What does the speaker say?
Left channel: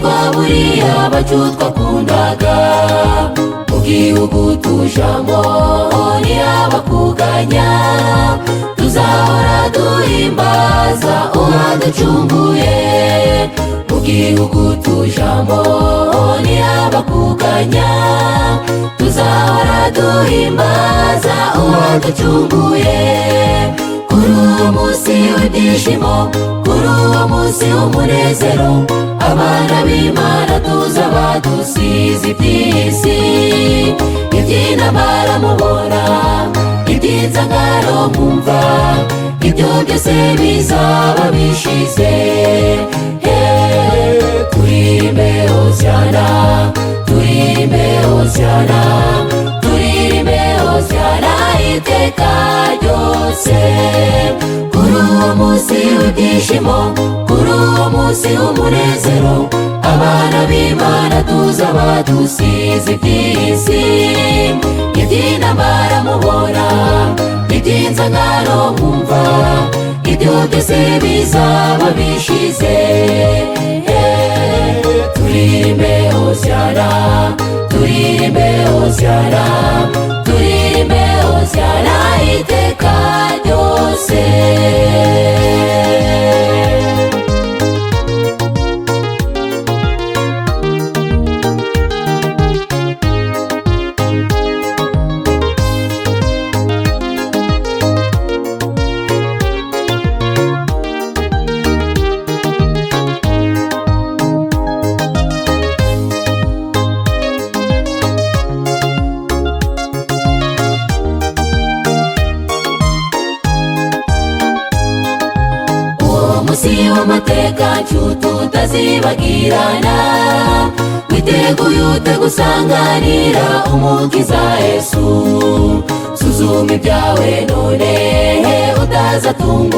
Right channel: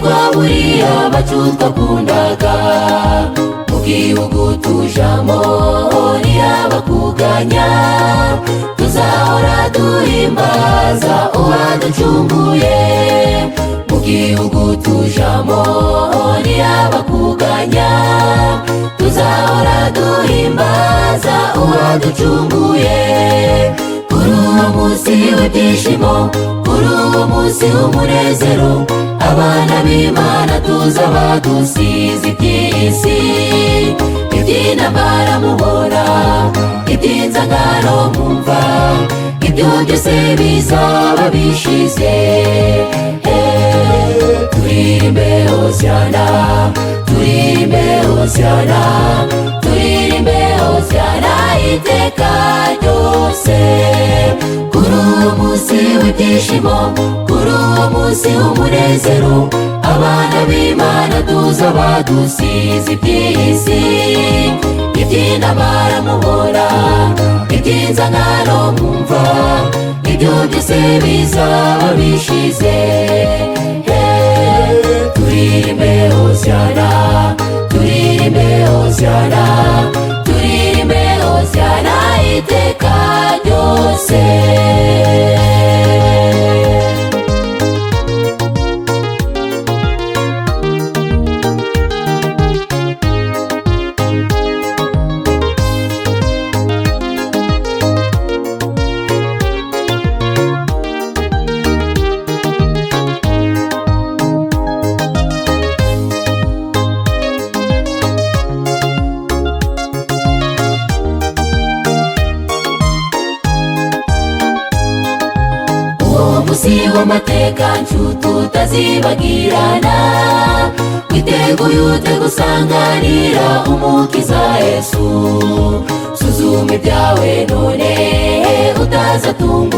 twaburiye abacu twakundaga mu gihugu tujamo ntiyabakuganya tuzahora duhimbaza uwaducunguye mu gihugu tujamo ntiyabakuganya tuzahora duhimbaza uwaducunguye kuri uwo munsi w'ibyishimo kuri uwo munsi w'umunezero abana b'Imana tuzaba dusize iby'isi iby'intambara mubona iby'inzangano mwumva ibyo byose bizaba bishize turirimbe Hosiyana turirimbe Hosiyana turirimbe Hosiyana iteka ryose kuri uwo munsi w'ibyishimo kuri uwo munsi w'umunezero abana b'Imana tuzaba dusize iby'isi iby'intambara mubona iby'inzangano mwumva ibyo byose bizaba bishize turirimbe Hosiyana turirimbe Hosiyana turirimbe Hosiyana iteka ryose. Amateka nshuti utazibagirana witeguye ute gusanganira umukiza Yesu suzuma ibyawe none utazatunga